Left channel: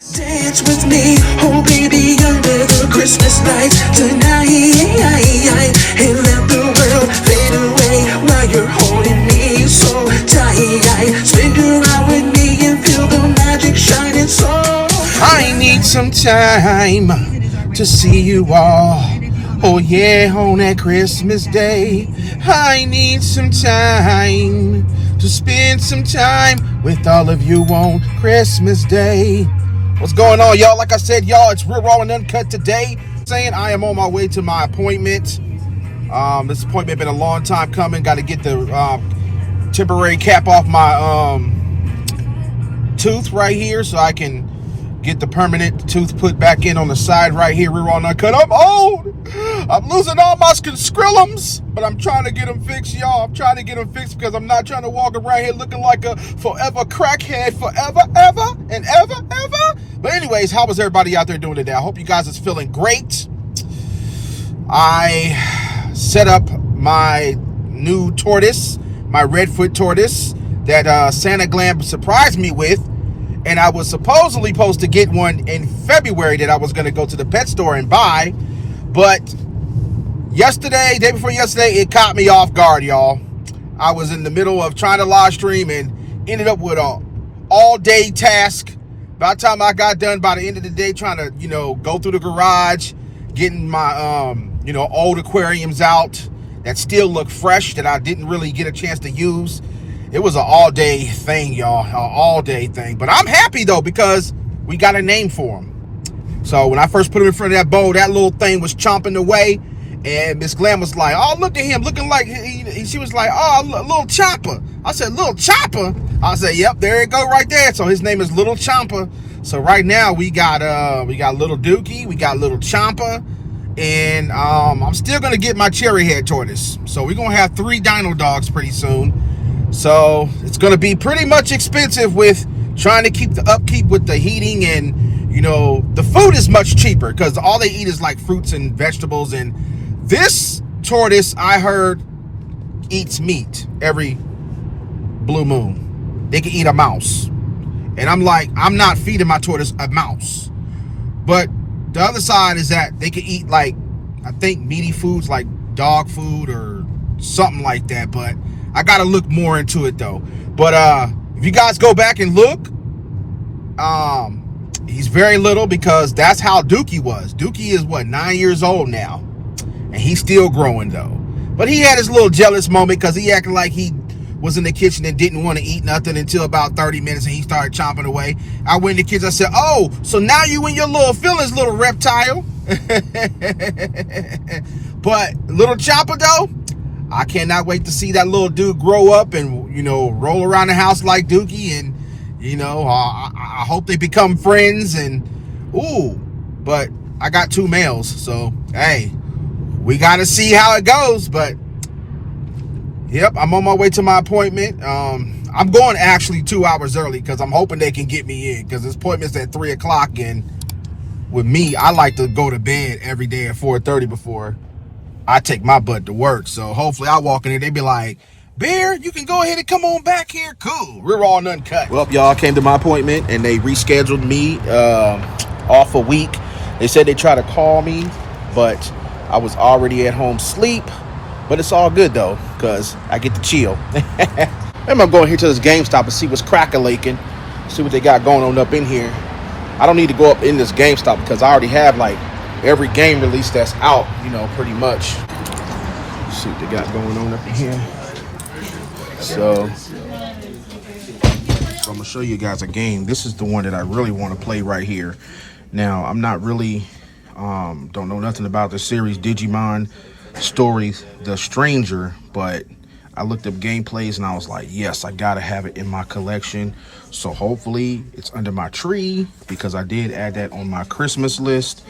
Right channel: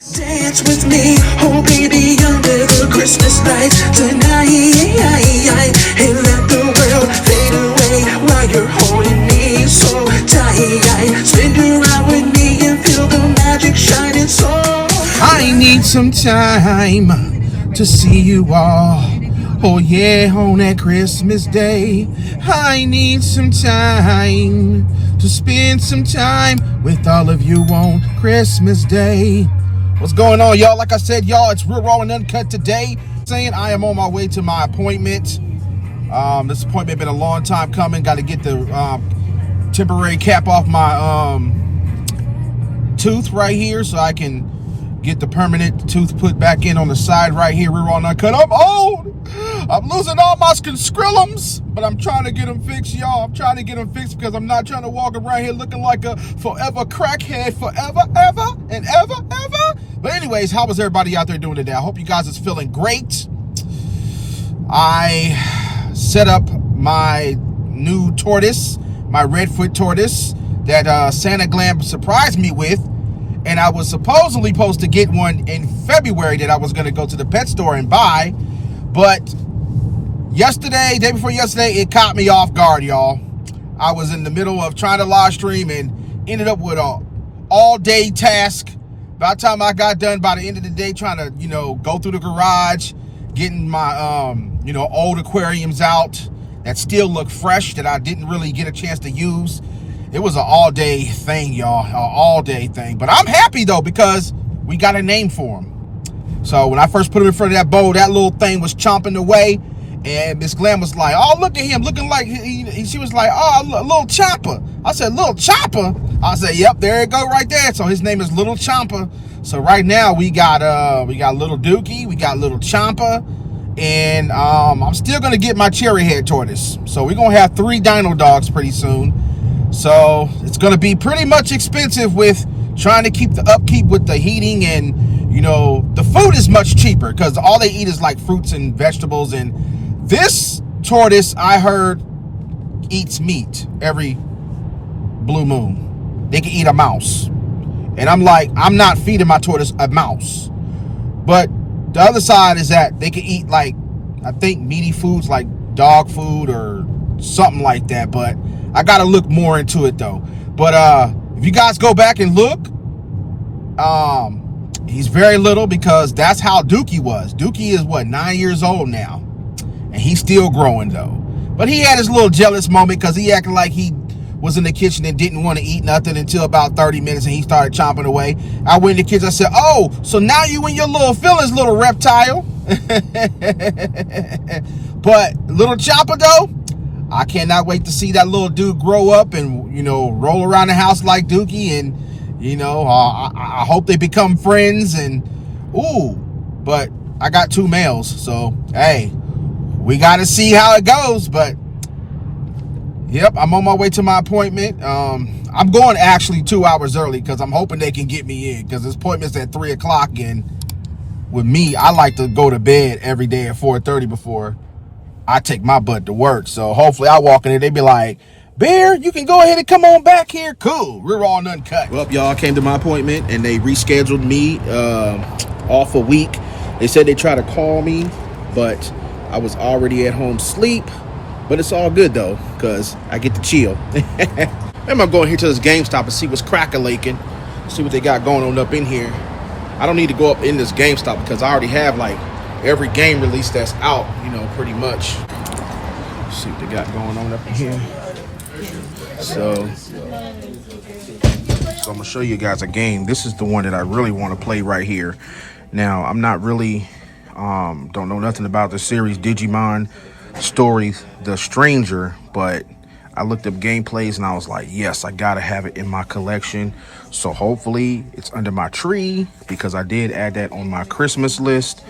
Dance with me, oh baby, under the Christmas lights tonight. And let the world fade away while you're holding me so tight. Spin around with me and feel the magic shining so. I need some time to see you all. Oh yeah, on that Christmas day. I need some time to spend some time with all of you on Christmas Day. What's going on, y'all? Like I said, y'all, it's Real Raw and Uncut today. Saying I am on my way to my appointment. This appointment been a long time coming. Got to get the temporary cap off my tooth right here so I can get the permanent tooth put back in on the side right here. Real Raw and Uncut. I'm old. I'm losing all my scrollums, but I'm trying to get them fixed, y'all. I'm trying to get them fixed because I'm not trying to walk around here looking like a forever crackhead forever, ever, and ever. But anyways, how was everybody out there doing today? I hope you guys is feeling great. I set up my new tortoise, my redfoot tortoise that Santa Glam surprised me with. And I was supposedly supposed to get one in February that I was going to go to the pet store and buy. But day before yesterday, it caught me off guard, y'all. I was in the middle of trying to live stream and ended up with an all-day task. By the time I got done, by the end of the day, trying to, go through the garage, getting my, old aquariums out that still look fresh, that I didn't really get a chance to use. It was an all-day thing, y'all, an all-day thing. But I'm happy, though, because we got a name for him. So when I first put him in front of that bowl, that little thing was chomping away. And Miss Glam was like, oh, look at him, looking like, she was like, oh, little Chopper. I said, little Chopper? I said, yep, there it go right there. So his name is Little Chomper. So right now we got little Dookie, we got little Chomper, and I'm still gonna get my cherry head tortoise. So we're gonna have 3 dino dogs pretty soon. So it's gonna be pretty much expensive with trying to keep the upkeep with the heating, and the food is much cheaper because all they eat is like fruits and vegetables. And this tortoise, I heard, eats meat every blue moon. They can eat a mouse. And I'm like, I'm not feeding my tortoise a mouse. But the other side is that they can eat, like, I think meaty foods like dog food or something like that. But I got to look more into it, though. But if you guys go back and look, he's very little because that's how Dookie was. Dookie is, 9 years old now. And he's still growing, though. But he had his little jealous moment because he acted like he was in the kitchen and didn't want to eat nothing until about 30 minutes and he started chomping away. I went in the kitchen, I said, oh, so now you in your little feelings, little reptile. But little Chopper, though, I cannot wait to see that little dude grow up and, roll around the house like Dookie. And, I hope they become friends. And, but I got 2 males. So, hey, we got to see how it goes. But yep, I'm on my way to my appointment. I'm going actually 2 hours early because I'm hoping they can get me in because this appointment's at 3 o'clock. And with me, I like to go to bed every day at 4:30 before I take my butt to work. So hopefully I walk in there, they be like, Bear, you can go ahead and come on back here. Cool. We're all uncut. Well, y'all, came to my appointment and they rescheduled me off a week. They said they tried to call me, but I was already at home asleep. But it's all good, though, because I get to chill. I'm going to go here to this GameStop and see what's crack-a-laking. See what they got going on up in here. I don't need to go up in this GameStop because I already have, like, every game release that's out, pretty much. Let's see what they got going on up in here. So I'm going to show you guys a game. This is the one that I really want to play right here. Now, I'm not really, don't know nothing about the series Digimon Stories The Stranger, but I looked up gameplays and I was like, yes, I gotta have it in my collection. So hopefully it's under my tree because I did add that on my Christmas list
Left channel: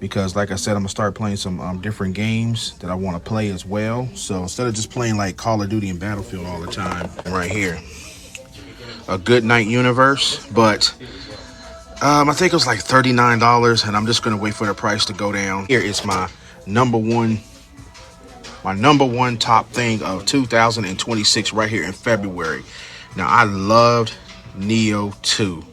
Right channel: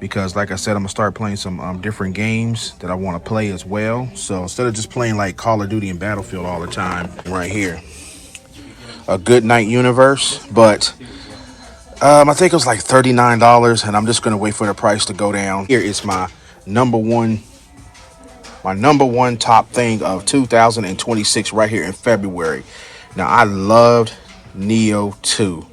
because like I said, I'm gonna start playing some different games that I want to play as well. So instead of just playing like Call of Duty and Battlefield all the time, right here, a Good Night Universe. But I think it was like $39 and I'm just gonna wait for the price to go down. Here is my number one top thing of 2026 right here in February. Now, I loved Neo 2.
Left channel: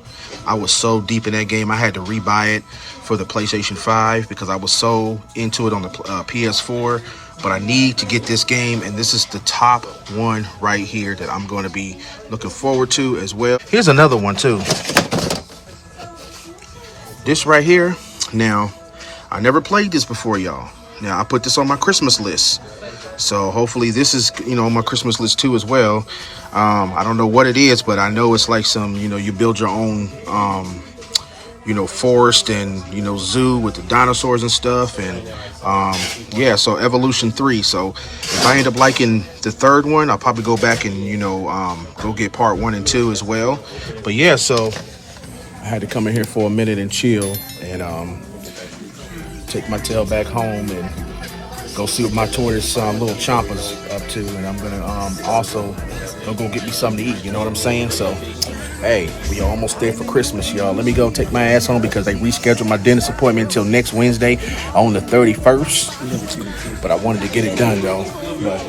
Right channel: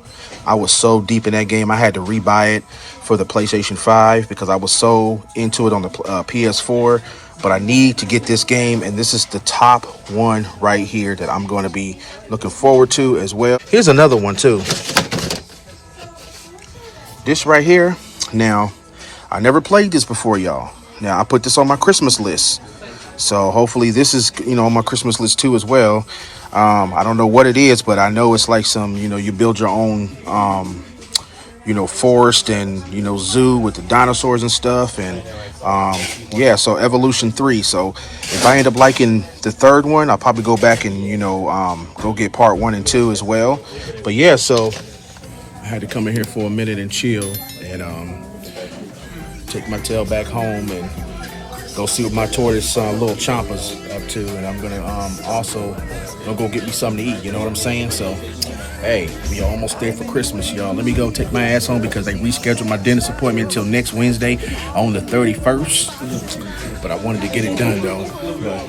I was so deep in that game. I had to rebuy it for the PlayStation 5 because I was so into it on the PS4. But I need to get this game, and this is the top one right here that I'm going to be looking forward to as well. Here's another one too. This right here. Now, I never played this before, y'all. Now, I put this on my Christmas list. So hopefully this is, on my Christmas list too as well. I don't know what it is, but I know it's like some, you build your own, forest and, zoo with the dinosaurs and stuff. And yeah, so Evolution 3. So if I end up liking the third one, I'll probably go back and, go get part 1 and 2 as well. But yeah, so I had to come in here for a minute and chill and take my tail back home and go see what my tortoise little Chompa's up to. And I'm gonna also go get me something to eat, you know what I'm saying? So hey, we are almost there for Christmas, y'all. Let me go take my ass home because they rescheduled my dentist appointment until next Wednesday on the 31st. But I wanted to get it done though. But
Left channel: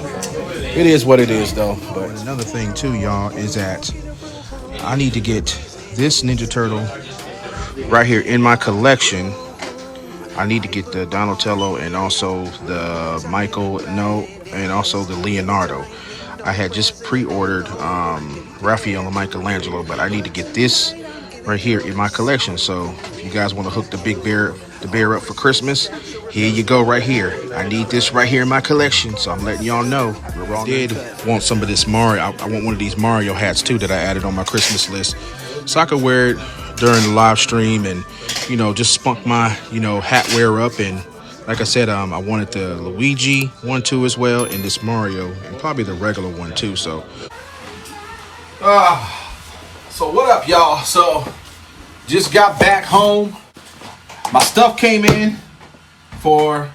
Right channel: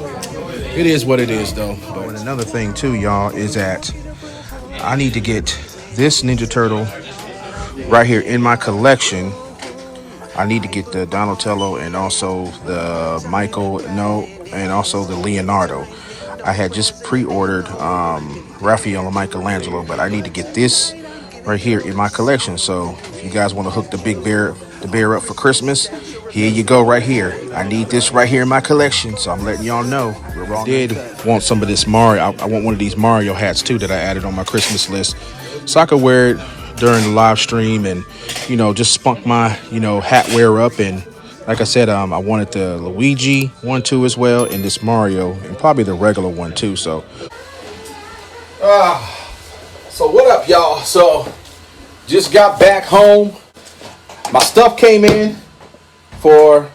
it is what it is though. But another thing too, y'all, is that I need to get this Ninja Turtle right here in my collection. I need to get the Donatello and also the and also the Leonardo. I had just pre-ordered Raphael and Michelangelo, but I need to get this right here in my collection. So if you guys want to hook the bear up for Christmas, here you go right here. I need this right here in my collection, so I'm letting y'all know. I did want some of this Mario. I want one of these Mario hats too that I added on my Christmas list, so I could wear it during the live stream and just spunk my hat wear up. And like I said, I wanted the Luigi one too as well, and this Mario, and probably the regular one too. So what up, y'all? So just got back home. My stuff came in for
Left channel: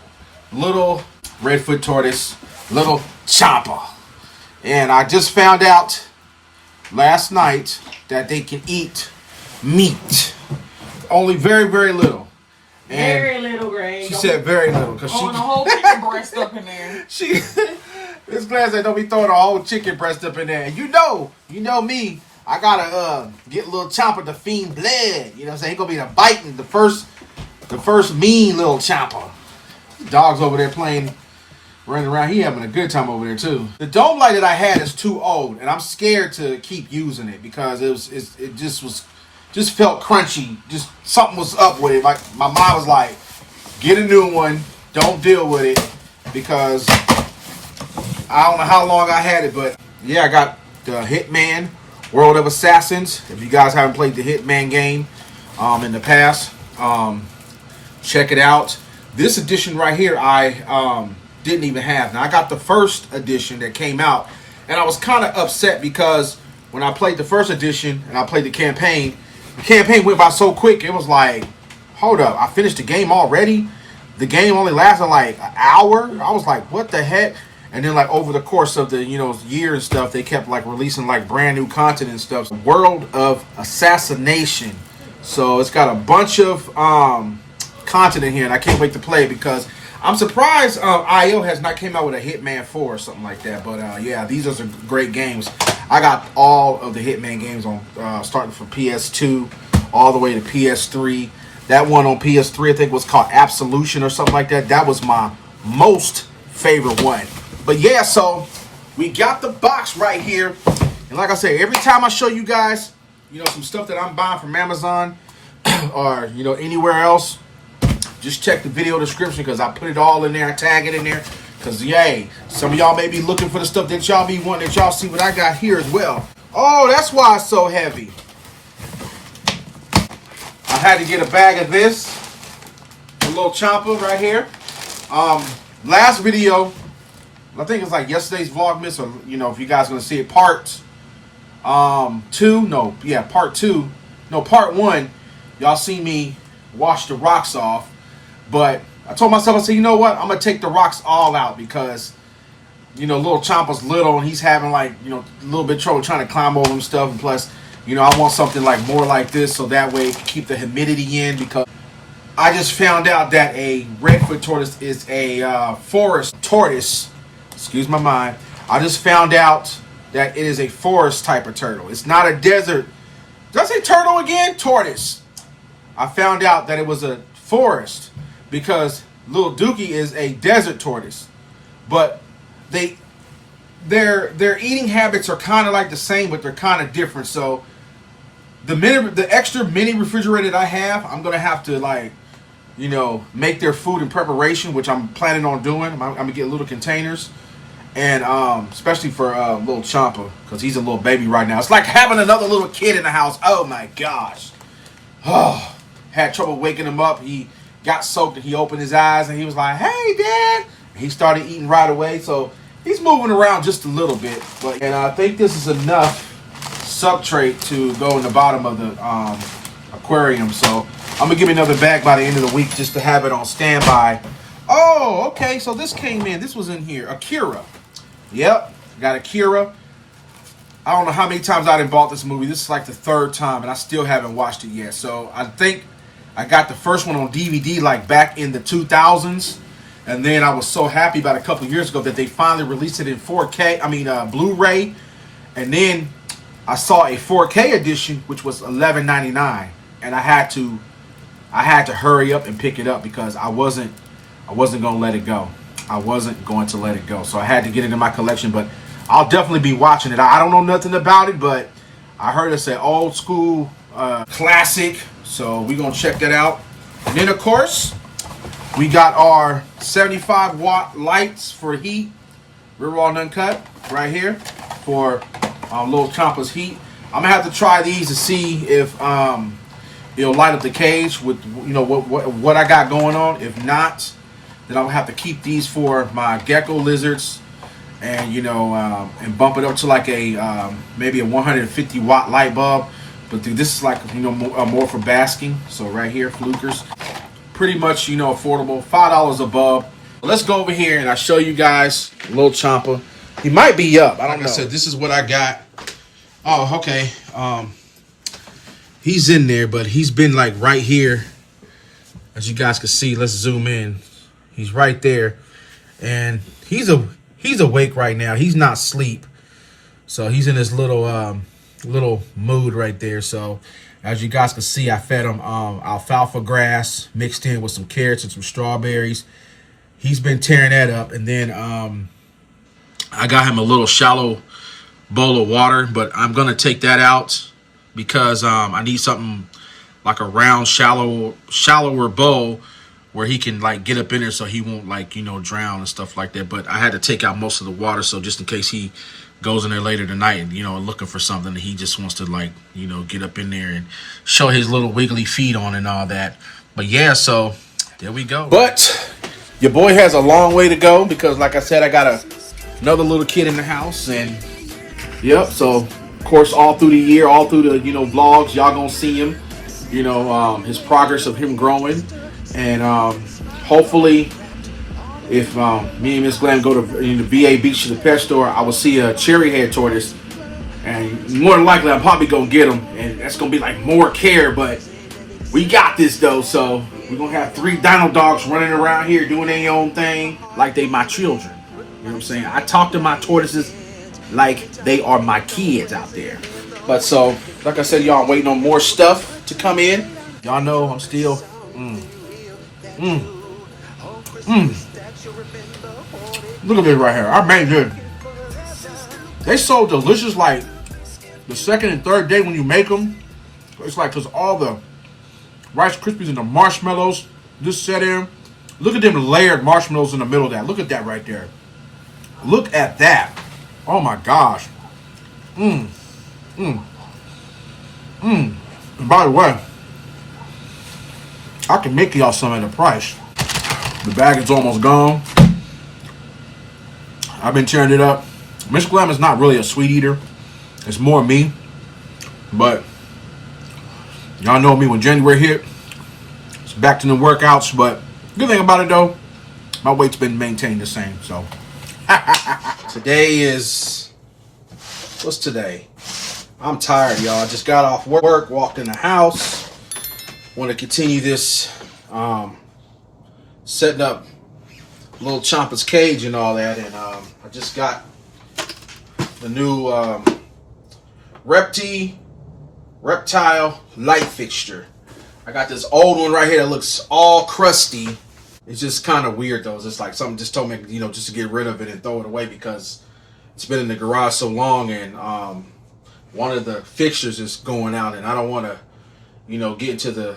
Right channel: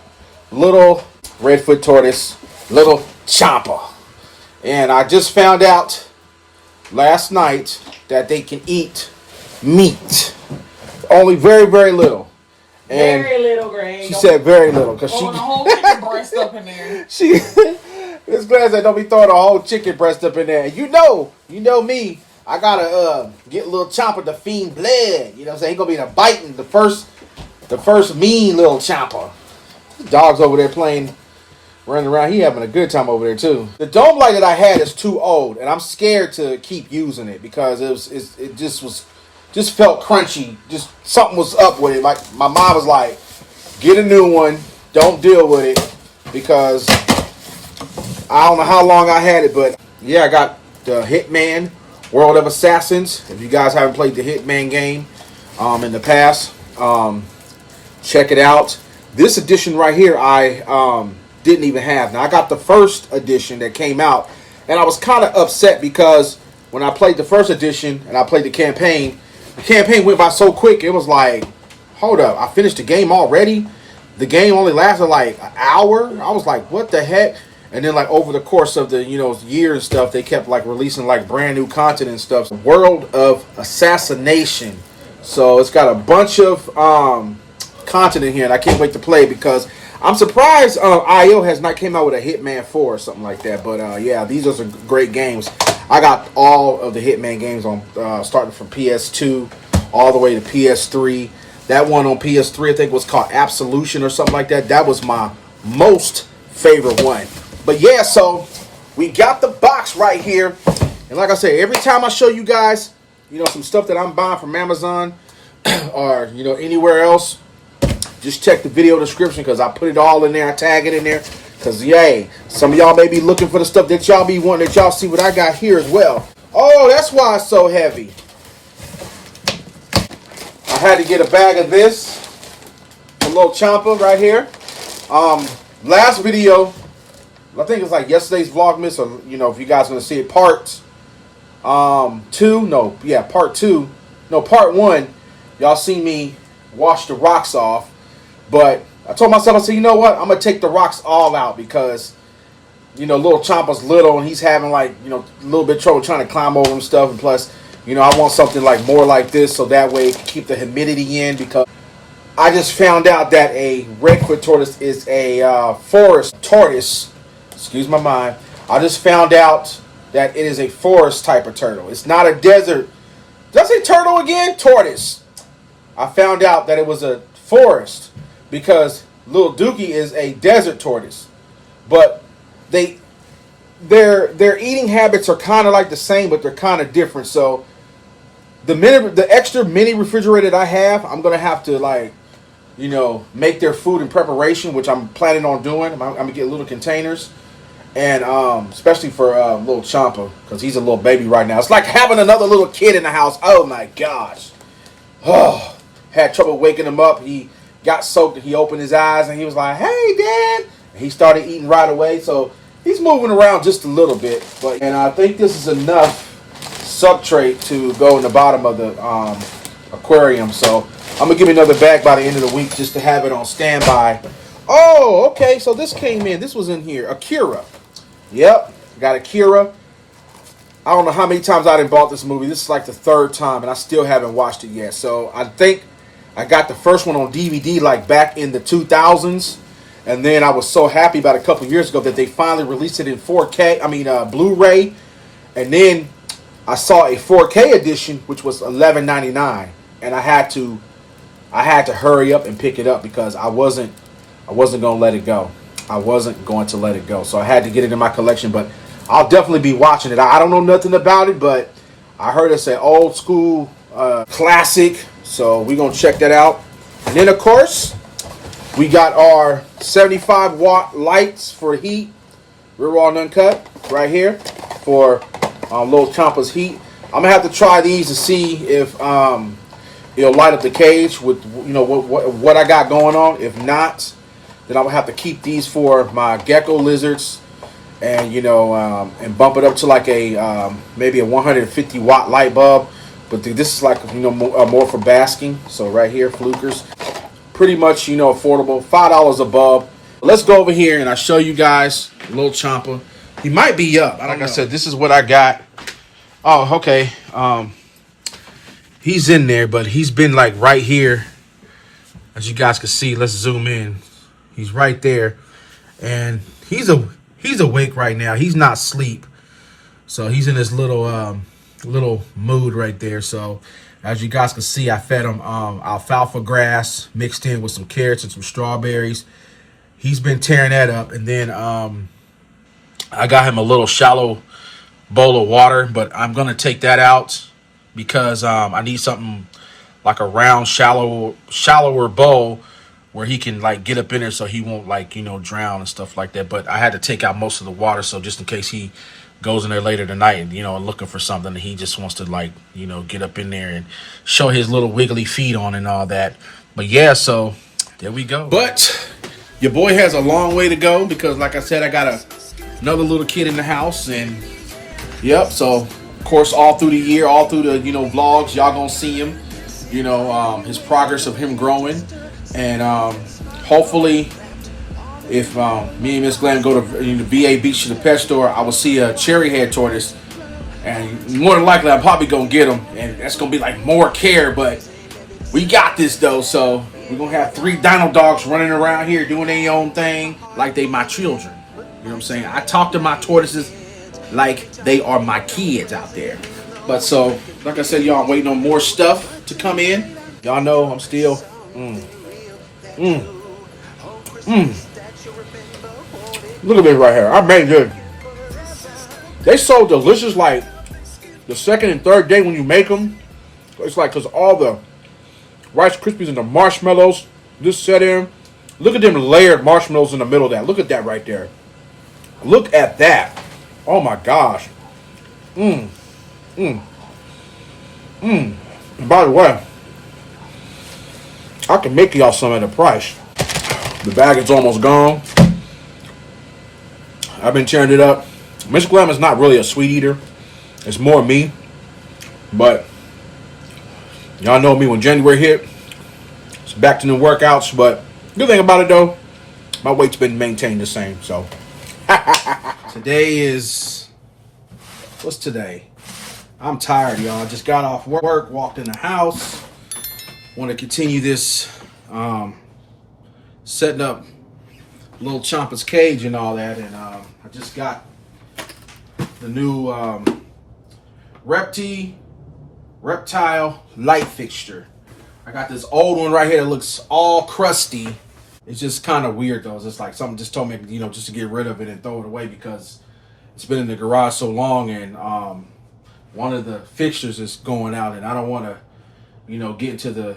little redfoot tortoise, little Champa, and I just found out last night that they can eat meat, only very, very little. And very little, Greg. She said very little because she the whole chicken breast up in there. This glass that don't be throwing a whole chicken breast up in there. And you know me. I gotta get a little Champa to feed blood. You know what I'm saying? He gonna be in a biting the first mean little Champa. Dog's over there running around. He having a good time over there too. The dome light that I had is too old, and I'm scared to keep using it because it just felt crunchy. Just something was up with it. Like my mom was like, get a new one. Don't deal with it because I don't know how long I had it, but yeah, I got the Hitman World of Assassins. If you guys haven't played the Hitman game in the past, check it out. This edition right here, I didn't even have. Now I got the first edition that came out, and I was kind of upset because when I played the first edition and I played the campaign went by so quick. It was like, hold up, I finished the game already. The game only lasted like an hour. I was like, what the heck? And then like over the course of the year and stuff, they kept like releasing like brand new content and stuff. World of Assassination. So it's got a bunch of content in here, and I can't wait to play because I'm surprised IO has not came out with a Hitman 4 or something like that. But yeah, these are some great games. I got all of the Hitman games on starting from PS2 all the way to PS3. That one on PS3 I think was called Absolution or something like that. That was my most favorite one. But yeah, so we got the box right here. And like I say, every time I show you guys, some stuff that I'm buying from Amazon or, anywhere else, just check the video description because I put it all in there. I tag it in there because, yay, some of y'all may be looking for the stuff that y'all be wanting, that y'all see what I got here as well. Oh, that's why it's so heavy. I had to get a bag of this. A little Champa right here. Last video, I think it's like yesterday's Vlogmas, or if you guys want to see it, part 1. Y'all see me wash the rocks off, but I told myself, I said, you know what? I'm gonna take the rocks all out because little Champa's little and he's having like a little bit of trouble trying to climb over and stuff, and plus I want something like more like this so that way it can keep the humidity in, because I just found out that a redfoot tortoise is a forest tortoise. Excuse my mind. I just found out that it is a forest type of turtle. It's not a desert Did I say turtle again? Tortoise. I found out that it was a forest because little Dookie is a desert tortoise. But their eating habits are kind of like the same, but they're kind of different. So the extra mini refrigerator that I have, I'm gonna have to like, make their food in preparation, which I'm planning on doing. I'm gonna get little containers, and especially for little Champa, because he's a little baby right now. It's like having another little kid in the house. Oh my gosh. Oh, had trouble waking him up. He got soaked and he opened his eyes and he was like, "Hey, Dad." And he started eating right away. So he's moving around just a little bit. And I think this is enough substrate to go in the bottom of the aquarium. So I'm going to give me another bag by the end of the week just to have it on standby. Oh, okay. So this came in. This was in here. Akira. Yep. Got Akira. I don't know how many times I done bought this movie. This is like the third time, and I still haven't watched it yet. So I think I got the first one on DVD like back in the 2000s. And then I was so happy about a couple of years ago that they finally released it in 4K. Blu-ray. And then I saw a 4K edition, which was $11.99, and I had to hurry up and pick it up because I wasn't gonna let it go. I wasn't going to let it go. So I had to get it in my collection, but I'll definitely be watching it. I don't know nothing about it, but I heard it's an old school classic, so we're gonna check that out. And then of course, we got our 75-watt lights for heat, rear wall uncut, right here for little Champa's heat. I'm gonna have to try these to see if it'll light up the cage with what I got going on. If not, then I will have to keep these for my gecko lizards, and and bump it up to like a maybe a 150-watt light bulb. But this is like more for basking. So right here, flukers, pretty much affordable, $5 a bulb. Let's go over here and I'll show you guys little Champa. He might be up. I don't know. Like I said, this is what I got. Oh, okay. He's in there, but he's been like right here. As you guys can see, let's zoom in. He's right there, and he's awake right now. He's not asleep, so he's in this little mood right there. So as you guys can see, I fed him alfalfa grass mixed in with some carrots and some strawberries. He's been tearing that up, and then I got him a little shallow bowl of water, but I'm gonna take that out because I need something like a round, shallower bowl where he can like get up in there so he won't drown and stuff like that. But I had to take out most of the water, so just in case he goes in there later tonight and looking for something, and he just wants to get up in there and show his little wiggly feet on and all that. But yeah, so there we go. But your boy has a long way to go because, like I said, I got another little kid in the house, and yep. So of course, all through the year, all through the vlogs, y'all gonna see him. His progress of him growing, and hopefully, if me and Miss Glenn go to VA Beach to the pet store, I will see a cherry head tortoise, and more than likely, I'm probably gonna get him, and that's gonna be like more care, but we got this though. So we're gonna have 3 dino dogs running around here doing their own thing like they my children. You know what I'm saying? I talk to my tortoises like they are my kids out there. But so, like I said, y'all, I'm waiting on more stuff to come in. Y'all know I'm still Look at this right here. I made this. They so delicious, like the second and third day when you make them. It's like, because all the Rice Krispies and the marshmallows just set in. Look at them layered marshmallows in the middle of that. Look at that right there. Look at that. Oh my gosh. And by the way, I can make y'all some at a price. The bag is almost gone. I've been tearing it up. Miss Glam is not really a sweet eater. It's more me. But y'all know me, when January hit, it's back to the workouts. But good thing about it though, my weight's been maintained the same. So today is, what's today? I'm tired, y'all. I just got off work, walked in the house. Want to continue this setting up little Champa's cage and all that, and I just got the new Reptile reptile light fixture. I got this old one right here that looks all crusty. It's just kind of weird though. It's just like something just told me, you know, just to get rid of it and throw it away because it's been in the garage so long, and one of the fixtures is going out, and I don't want to, you know, get into the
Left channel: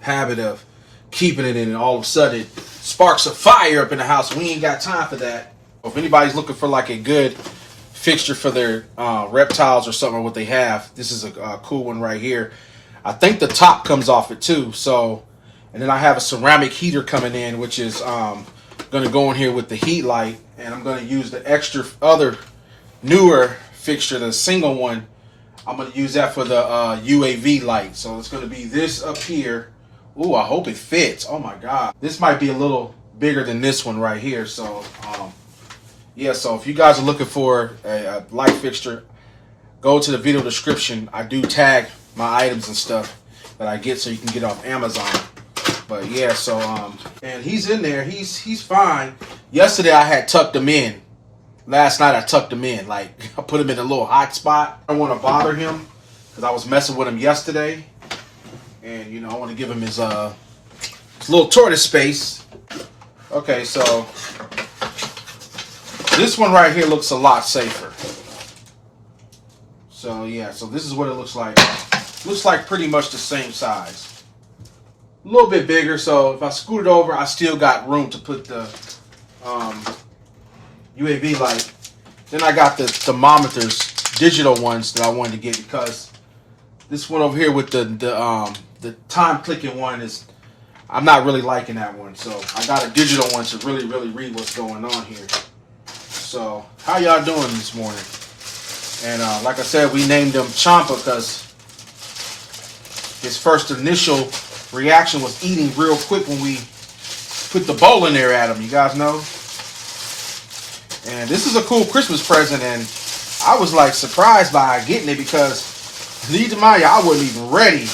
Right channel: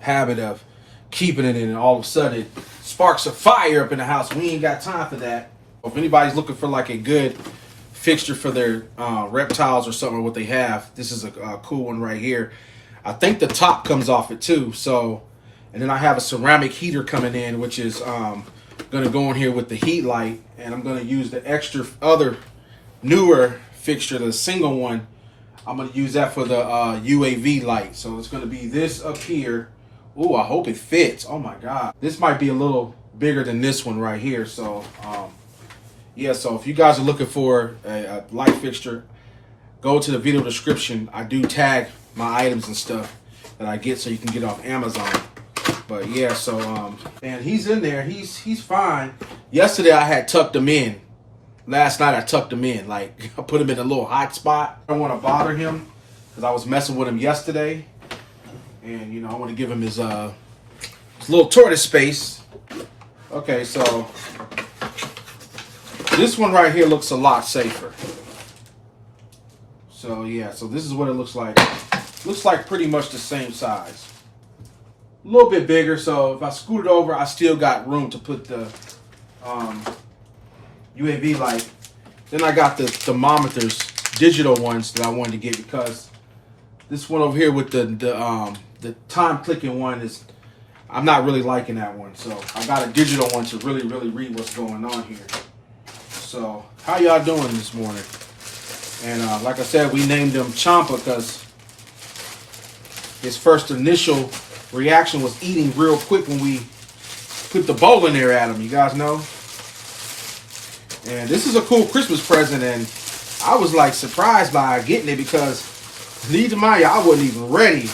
habit of keeping it in, and all of a sudden it sparks a fire up in the house. We ain't got time for that. If anybody's looking for like a good fixture for their reptiles or something, or what they have, this is a cool one right here. I think the top comes off it too. So, and then I have a ceramic heater coming in, which is going to go in here with the heat light, and I'm going to use the extra other newer fixture, the single one. I'm going to use that for the UAV light. So it's going to be this up here. Ooh, I hope it fits. Oh my God. This might be a little bigger than this one right here. So, yeah, so if you guys are looking for a light fixture, go to the video description. I do tag my items and stuff that I get so you can get off Amazon. But yeah, so and he's in there. He's fine. Yesterday I had tucked him in. Last night I tucked him in. Like, I put him in a little hot spot. I don't want to bother him because I was messing with him yesterday. And you know, I want to give him his little tortoise space. Okay, so this one right here looks a lot safer. So yeah, so this is what it looks like. Looks like pretty much the same size. A little bit bigger, so if I scoot it over, I still got room to put the UAV light. Then I got the thermometers, digital ones that I wanted to get, because this one over here with the time clicking one is, I'm not really liking that one. So I got a digital one to really read what's going on here. So how y'all doing this morning? And like I said, we named him Champa because his first initial reaction was eating real quick when we put the bowl in there at him. You guys know? And this is a cool Christmas present, and I was like surprised by getting it because, need to mind you, I wasn't even ready.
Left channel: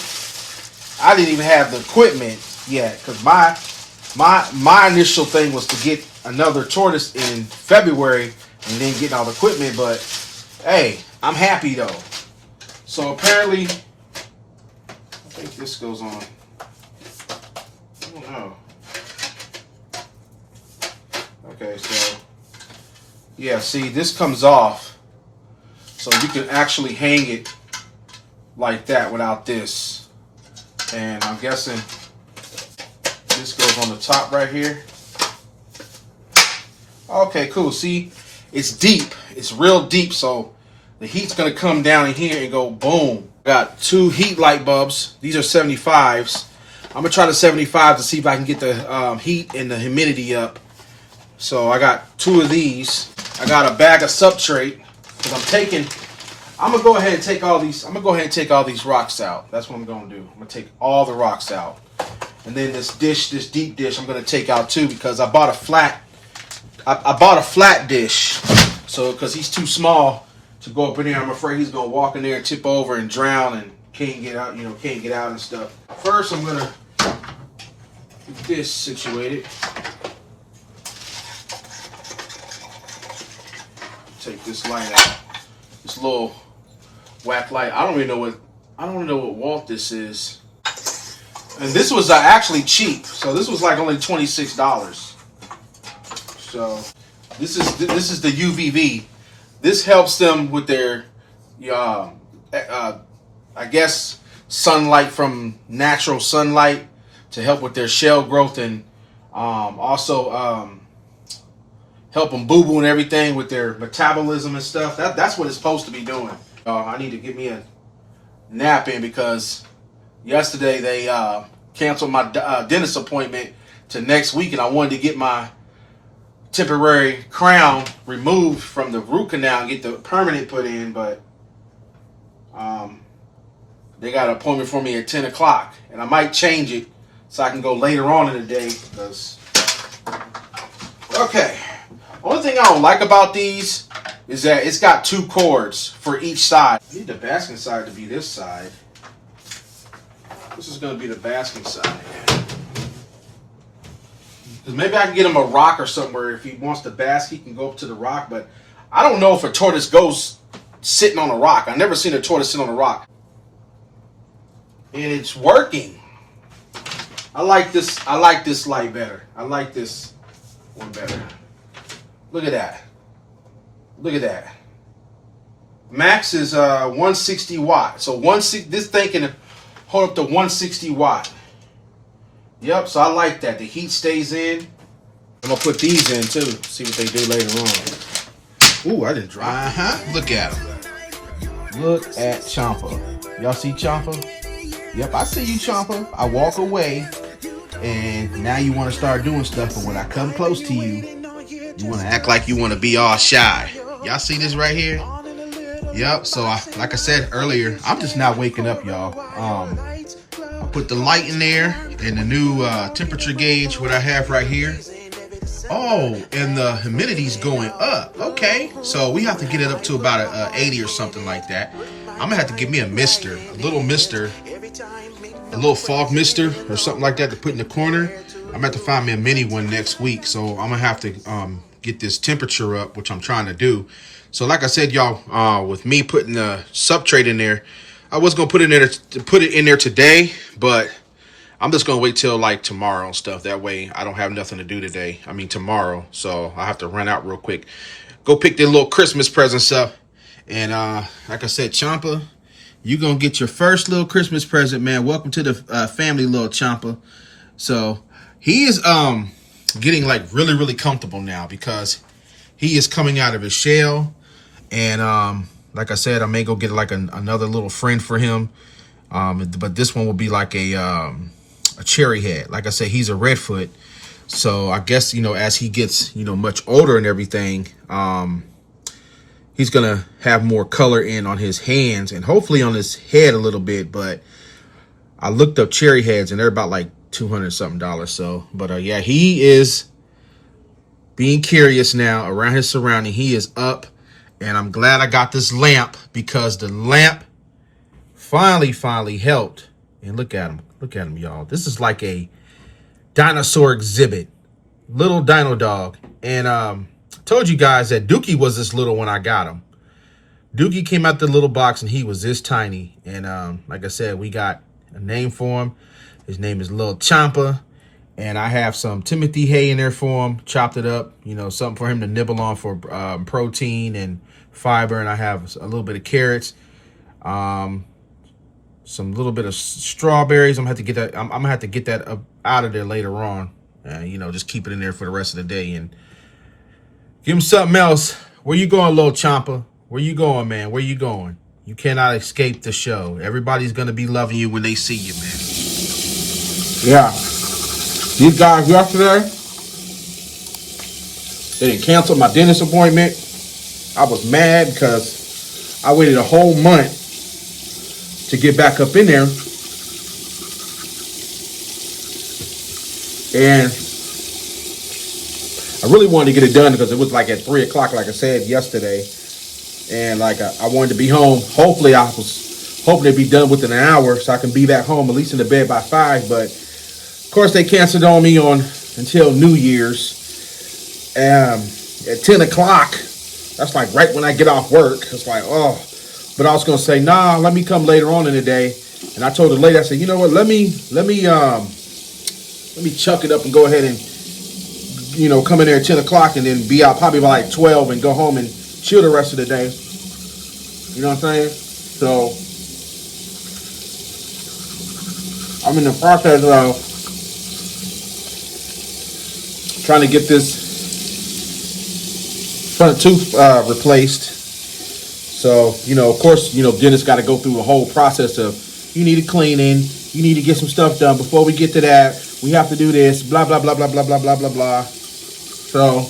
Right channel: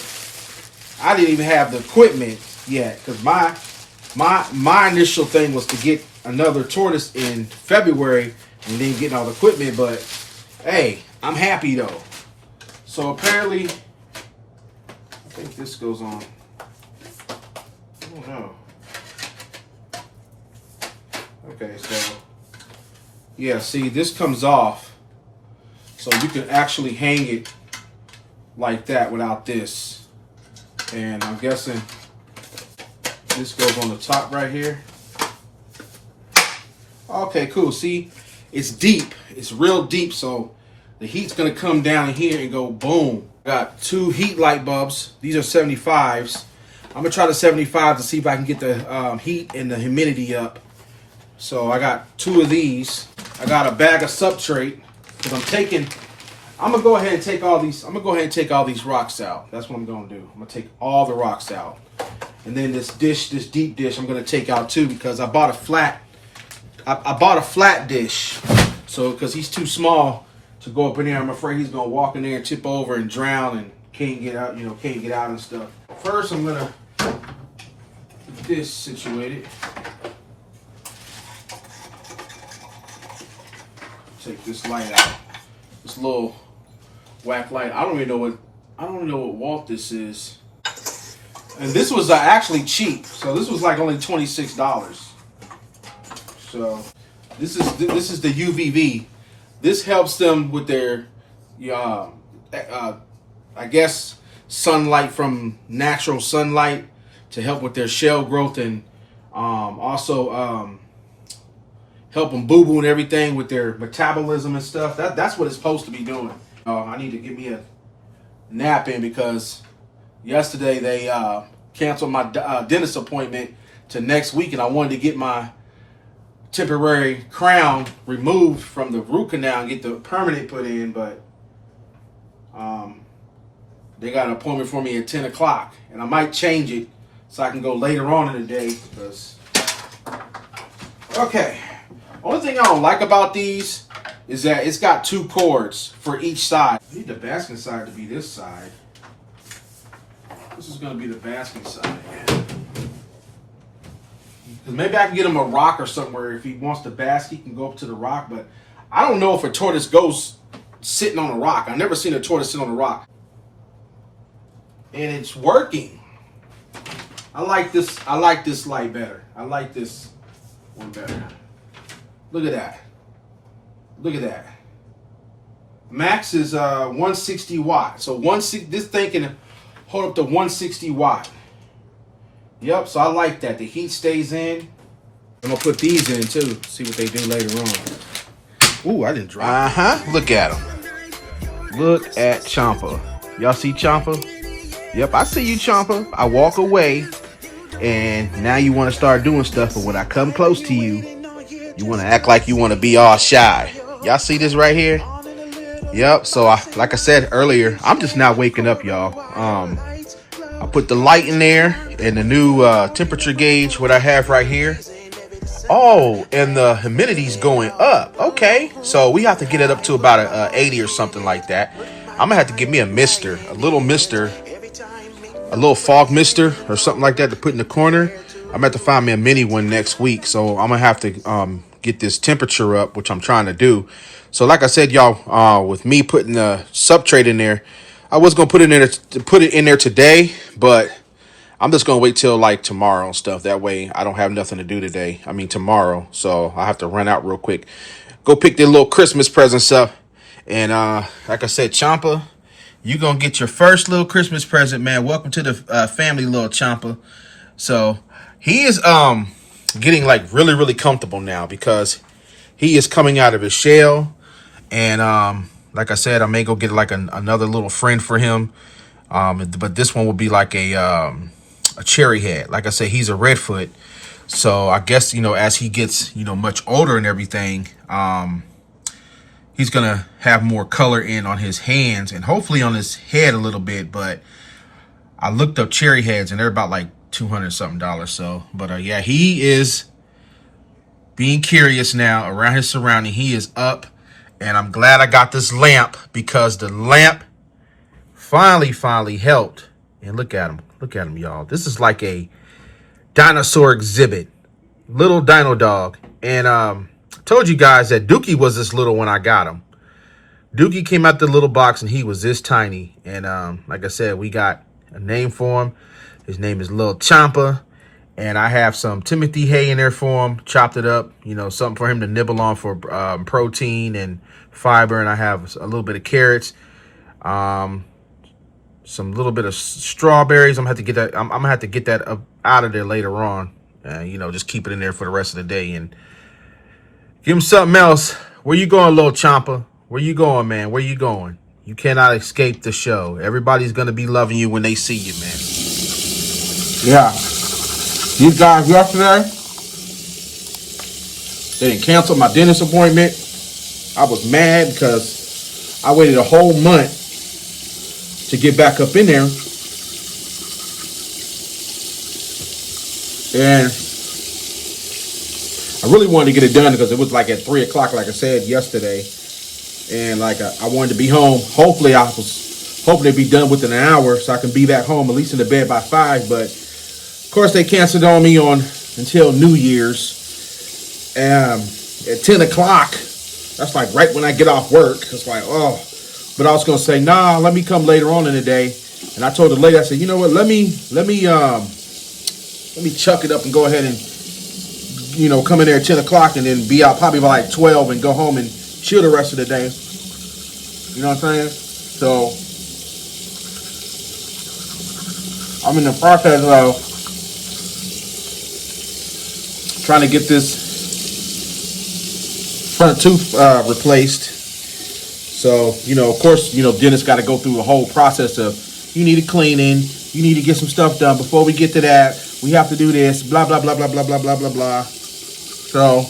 I didn't even have the equipment yet because my initial thing was to get another tortoise in February and then getting all the equipment. But hey, I'm happy though. So apparently, I think this goes on. I don't know. Okay, so yeah, see, this comes off, so you can actually hang it like that without this. And I'm guessing this goes on the top right here. Okay, cool. See, it's deep. It's real deep, so the heat's gonna come down in here and go boom. Got two heat light bulbs. These are 75s. I'm gonna try the 75 to see if I can get the heat and the humidity up. So I got two of these. I got a bag of substrate because I'm gonna go ahead and take all these. I'm gonna go ahead and take all these rocks out. That's what I'm gonna do. I'm gonna take all the rocks out, and then this dish, this deep dish, I'm gonna take out too because I bought a flat. I bought a flat dish, so because he's too small to go up in there, I'm afraid he's gonna walk in there and tip over and drown and can't get out. You know, can't get out and stuff. First, I'm gonna get this situated. Take this light out. This little whack light. I don't even know what Walt this is. And this was actually cheap. So this was like only $26. So this is the UVV. This helps them with their I guess sunlight from natural sunlight to help with their shell growth, and also help them boo-boo and everything with their metabolism and stuff. That's what it's supposed to be doing. I need to get me a nap in because yesterday they canceled my dentist appointment to next week, and I wanted to get my temporary crown removed from the root canal and get the permanent put in, but they got an appointment for me at 10 o'clock, and I might change it so I can go later on in the day because, okay. Only thing I don't like about these is that it's got two cords for each side. I need the basking side to be this side. This is going to be the basking side. Because maybe I can get him a rock or something where if he wants to bask, he can go up to the rock. But I don't know if a tortoise goes sitting on a rock. I've never seen a tortoise sit on a rock. and it's working. I like this light better. I like this one better. Look at that. Look at that. Max is 160 watt. So this thing can hold up to 160 watt. Yep, so I like that. The heat stays in. I'm gonna put these in too. See what they do later on. Ooh, I didn't drop. Look at him. Look at Champa. Y'all see Champa? Yep, I see you, Champa. I walk away, and now you want to start doing stuff. But when I come close to you, you want to act like you want to be all shy. Y'all see this right here? Yep. So, like I said earlier, I'm just now waking up, y'all. I put the light in there and the new temperature gauge, what I have right here. Oh, and the humidity's going up. Okay, so we have to get it up to about a 80 or something like that. I'm gonna have to give me a little fog mister or something like that to put in the corner. I'm gonna have to find me a mini one next week. So I'm gonna have to get this temperature up, which I'm trying to do. So like I said, y'all, with me putting the substrate in there, I was gonna put it in there today, but I'm just gonna wait till like tomorrow and stuff. That way I don't have nothing to do today. I mean tomorrow. So I have to run out real quick. Go pick their little Christmas presents up. And like I said, Champa, you gonna get your first little Christmas present, man. Welcome to the family, little Champa. So he is getting like really, really comfortable now because he is coming out of his shell. And like I said, I may go get like another little friend for him. But this one will be like a cherry head. Like I said, he's a redfoot. So I guess, as he gets, much older and everything, he's going to have more color in on his hands and hopefully on his head a little bit. But I looked up cherry heads and they're about like $200 something. So, but yeah, he is being curious now around his surrounding. He is up, and I'm glad I got this lamp because the lamp finally helped. And look at him, y'all. This is like a dinosaur exhibit, little dino dog. And I told you guys that Dookie was this little when I got him. Dookie came out the little box and he was this tiny. And like I said, we got a name for him. His name is Lil Champa. And I have some Timothy hay in there for him, chopped it up, something for him to nibble on for protein and fiber. And I have a little bit of carrots, some little bit of strawberries. I'm gonna have to get that. I'm gonna have to get that out of there later on. Just keep it in there for the rest of the day and give him something else. Where you going, Lil Champa? Where you going, man? Where you going? You cannot escape the show. Everybody's gonna be loving you when they see you, man. Yeah. These guys yesterday, they didn't cancel my dentist appointment. I was mad because I waited a whole month to get back up in there. And I really wanted to get it done because it was like at 3 o'clock, like I said yesterday. And like I wanted to be home. Hopefully I was hoping to be done within an hour so I can be back home, at least in the bed by 5. But of course, they canceled on me until New Year's. At 10 o'clock, that's like right when I get off work. It's like, oh. But I was going to say, nah, let me come later on in the day. And I told the lady, I said, you know what, let me chuck it up and go ahead and, come in there at 10 o'clock and then be out probably by like 12 and go home and chill the rest of the day. You know what I'm saying? So I'm in the process of trying to get this front tooth replaced. So, of course, dentists got to go through the whole process of you need a cleaning, you need to get some stuff done. Before we get to that, we have to do this, blah, blah, blah, blah, blah, blah, blah, blah, blah. So,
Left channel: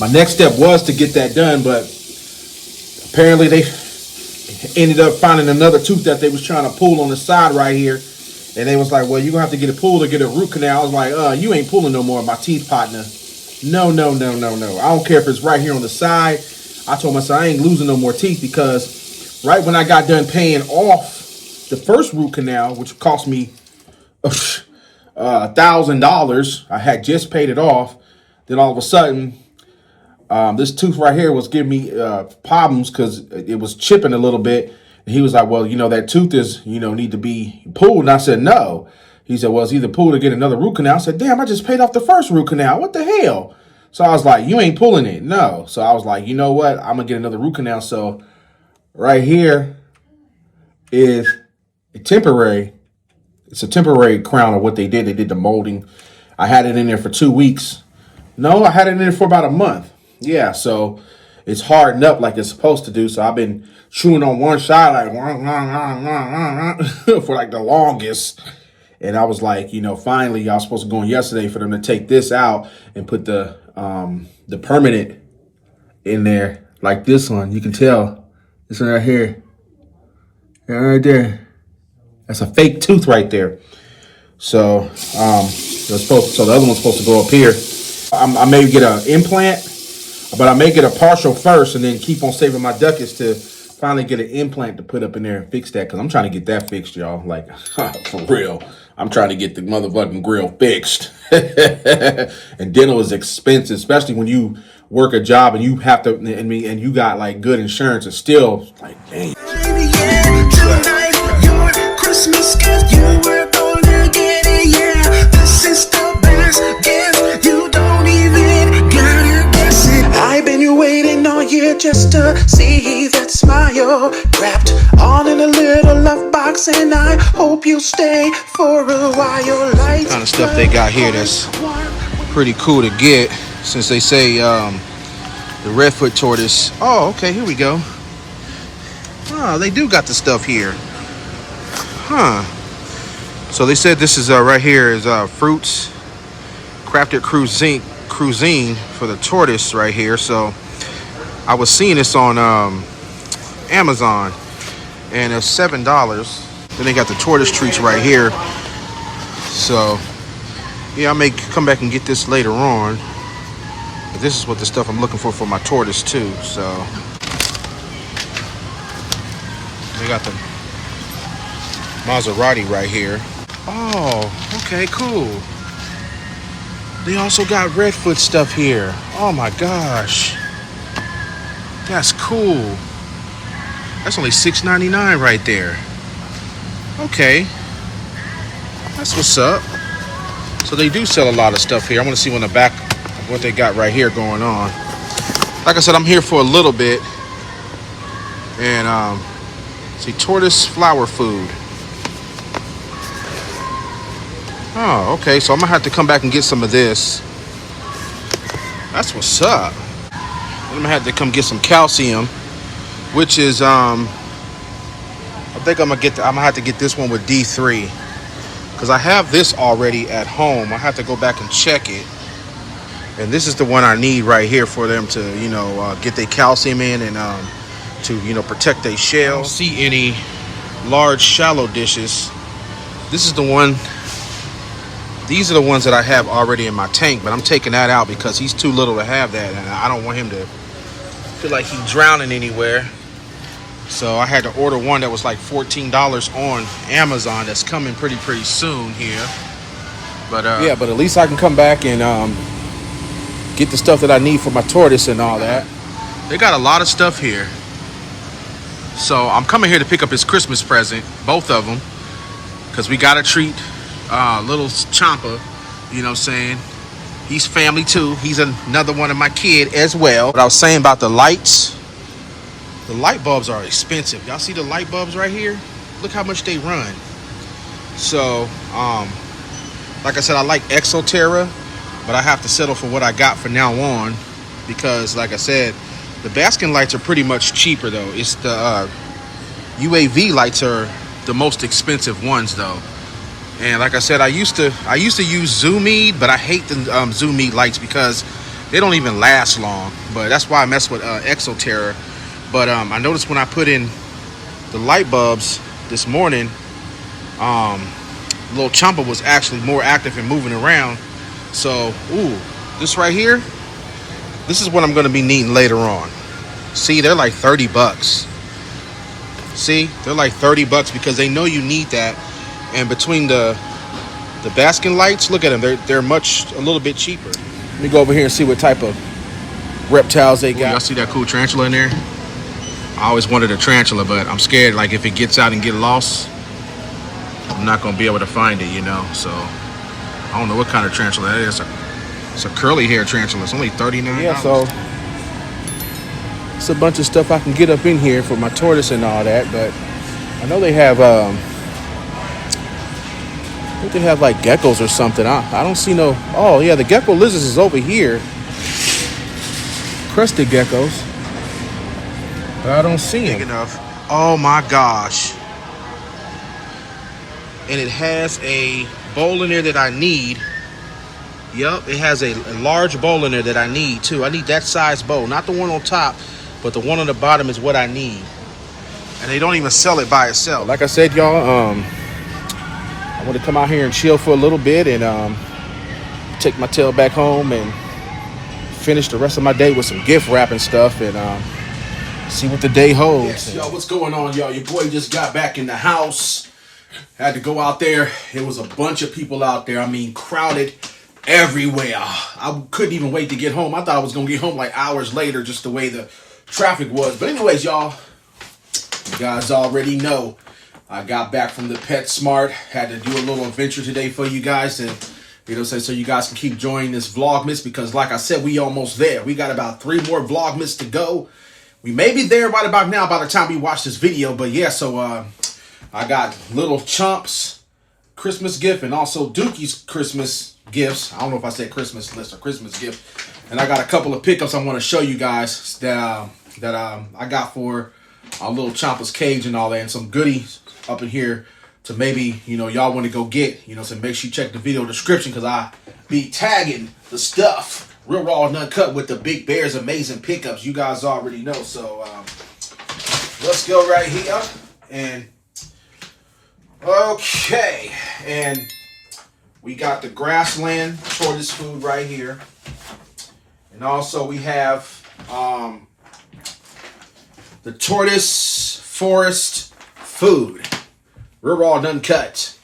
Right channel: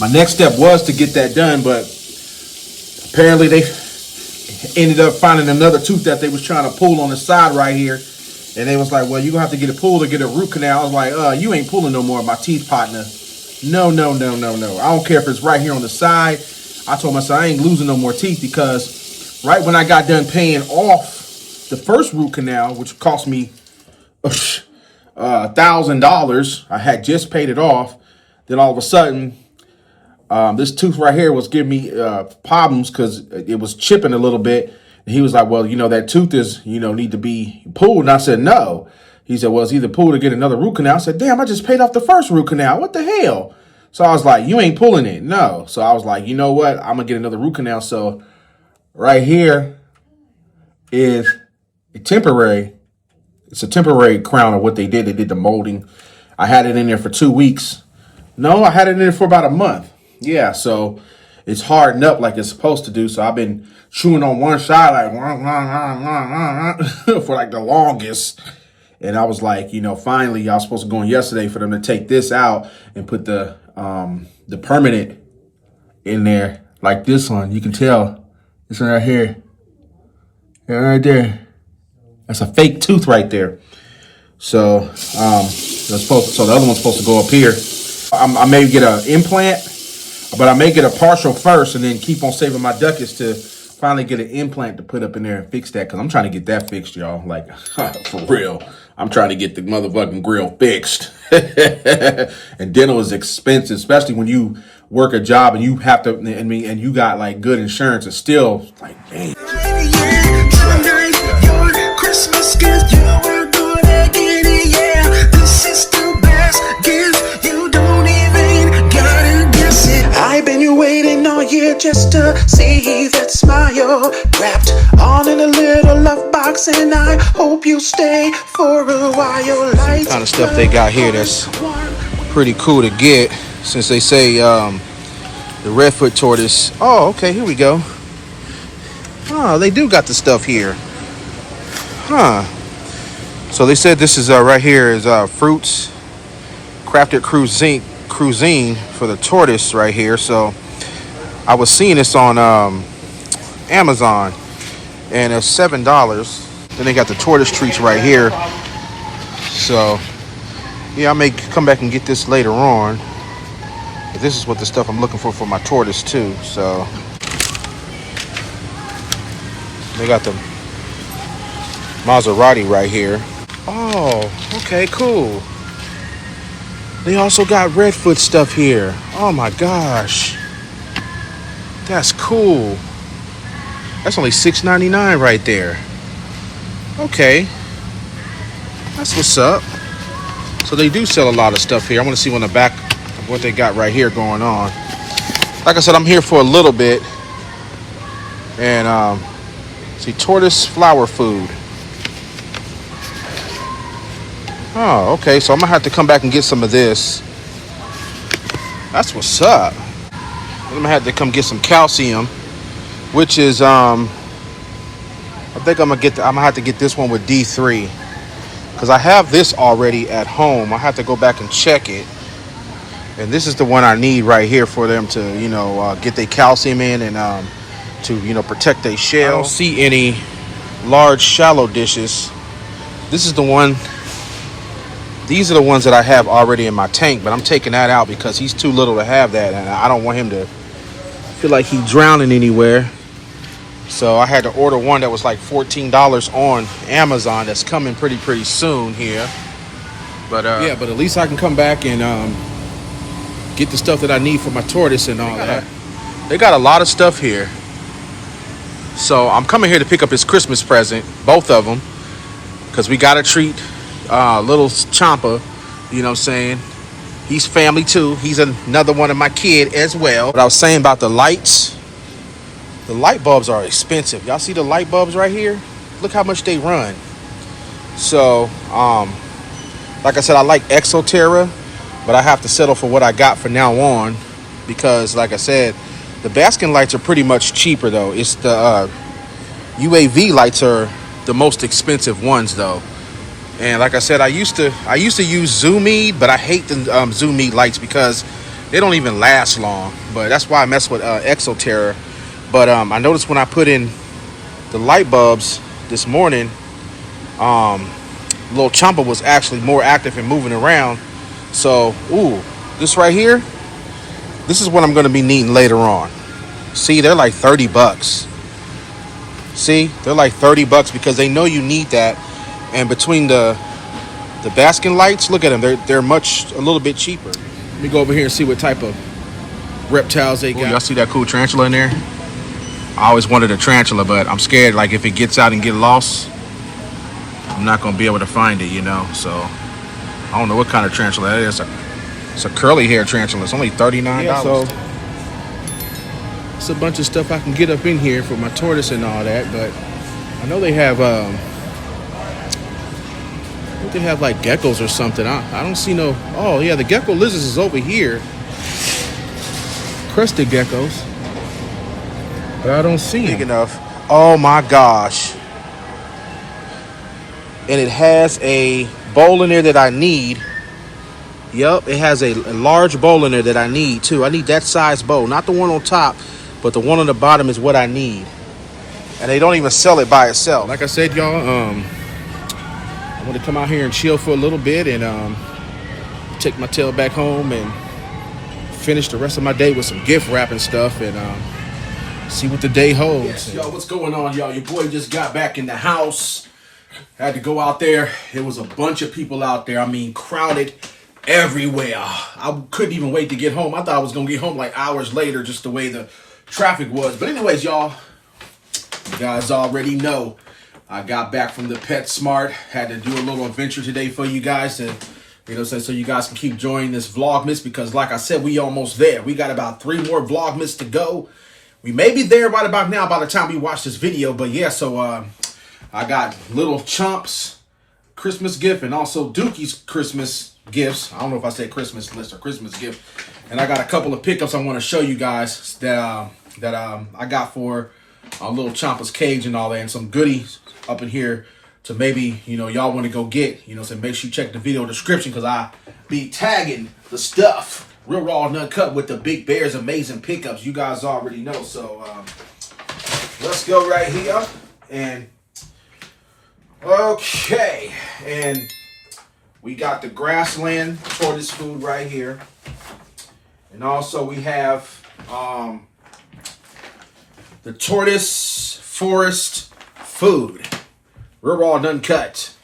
my next step was to get that done, but apparently they ended up finding another tooth that they was trying to pull on the side right here. And they was like, well, you're going to have to get it pulled or get a root canal. I was like, you ain't pulling no more of my teeth, partner. No. I don't care if it's right here on the side. I told myself I ain't losing no more teeth because right when I got done paying off the first root canal, which cost me $1,000, I had just paid it off. Then all of a sudden, This tooth right here was giving me problems because it was chipping a little bit. And he was like, well, you know, that tooth is, you know, need to be pulled. And I said, no. He said, well, it's either pulled or get another root canal. I said, damn, I just paid off the first root canal. What the hell? So I was like, you ain't pulling it. No. So I was like, you know what? I'm going to get another root canal. So right here is a temporary. It's a temporary crown of what they did. They did the molding. I had it in there for 2 weeks. No, I had it in there for about a month. Yeah, so it's hardened up like it's supposed to do. So I've been chewing on one side like for like the longest. And I was like, you know, finally, I was supposed to go in yesterday for them to take this out and put the permanent in there like this one. You can tell this one right here. Yeah, right there. That's a fake tooth right there. So, the other one's supposed to go up here. I may get an implant, but I may get a partial first and then keep on saving my ducats to finally get an implant to put up in there and fix that, because I'm trying to get that fixed, y'all. Like, for real. I'm trying to get the motherfucking grill fixed. And dental is expensive, especially when you work a job and you have to, and you got like good insurance. It's still like, dang. Christmas gift, you were gonna get it, yeah. This is the best gift, you don't even gotta guess it. I've been waiting all year just to see that smile, wrapped all in a little love box, and I hope you stay for a while. Like Kind of stuff they got here that's pretty cool to get, since they say the redfoot tortoise. Oh, okay, here we go. Oh, they do got the stuff here. Huh. So they said this is right here is fruits, crafted cuisine for the tortoise right here. So I was seeing this on Amazon, and it's $7. Then they got the tortoise treats right here. So yeah, I may come back and get this later on. But this is what the stuff I'm looking for my tortoise too. So they got the Maserati right here. Oh, okay, cool. They also got redfoot stuff here. Oh my gosh, that's cool. That's only $6.99 right there. Okay, that's what's up. So they do sell a lot of stuff here. I want to see on the back what they got right here going on. Like I said, I'm here for a little bit. And see, tortoise flower food. Oh, okay, so I'm gonna have to come back and get some of this. That's what's up. I'm gonna have to come get some calcium, which is I think I'm gonna have to get this one with D3, because I have this already at home. I have to go back and check it, and this is the one I need right here for them to, you know, get their calcium in and to, you know, protect their shell. I don't see any large shallow dishes. This is the one. These are the ones that I have already in my tank, but I'm taking that out because he's too little to have that, and I don't want him to feel like he's drowning anywhere. So I had to order one that was like $14 on Amazon. That's coming pretty soon here. But yeah, but at least I can come back and get the stuff that I need for my tortoise and all that. They got a lot of stuff here. So I'm coming here to pick up his Christmas present, both of them, because we got to treat little Champa, you know what I'm saying? He's family too. He's another one of my kid as well. But I was saying about the lights. The light bulbs are expensive. Y'all see the light bulbs right here? Look how much they run. So, like I said, I like Exoterra, but I have to settle for what I got for now on, because like I said, the Baskin lights are pretty much cheaper though. It's the UAV lights are the most expensive ones though. And like I said, I used to use Zoomede, but I hate the Zoomede lights because they don't even last long. But that's why I mess with Exoterra. But I noticed when I put in the light bulbs this morning, little Champa was actually more active and moving around. So, ooh, this right here, this is what I'm going to be needing later on. See, they're like $30. See, they're like $30 because they know you need that. And between the Baskin lights, look at them. They're a little bit cheaper. Let me go over here and see what type of reptiles they got. Y'all see that cool tarantula in there? I always wanted a tarantula, but I'm scared like if it gets out and get lost, I'm not gonna be able to find it, you know. So I don't know what kind of tarantula that is. It's a curly hair tarantula. It's only $39. Yeah, so it's a bunch of stuff I can get up in here for my tortoise and all that, but I know they have I think they have like geckos or something. I don't see no. Oh yeah, the gecko lizards is over here. Crested geckos, but I don't see them. Big enough. Oh my gosh! And it has a bowl in there that I need. Yep, it has a large bowl in there that I need too. I need that size bowl, not the one on top, but the one on the bottom is what I need. And they don't even sell it by itself. Like I said, y'all, I want to come out here and chill for a little bit and take my tail back home and finish the rest of my day with some gift wrapping stuff and see what the day holds. Yes, y'all, what's going on, y'all? Your boy just got back in the house. Had to go out there. There was a bunch of people out there. I mean, crowded everywhere. I couldn't even wait to get home. I thought I was going to get home like hours later, just the way the traffic was. But anyways, y'all, you guys already know I got back from the PetSmart. Had to do a little adventure today for you guys to, you know, so you guys can keep joining this Vlogmas because like I said, we almost there. We got about 3 more Vlogmas to go. We may be there right about now by the time we watch this video. But yeah, so I got little Chomp's Christmas gift and also Dookie's Christmas gifts. I don't know if I said Christmas list or Christmas gift. And I got a couple of pickups I want to show you guys that I got for little Chompa's cage and all that, and some goodies up in here to maybe, you know, y'all want to go get, you know, so make sure you check the video description because I be tagging the stuff real raw and uncut with the Big Bear's amazing pickups. You guys already know. So let's go right here and okay, and we got the grassland tortoise food right here, and also we have the tortoise forest food, real raw and uncut.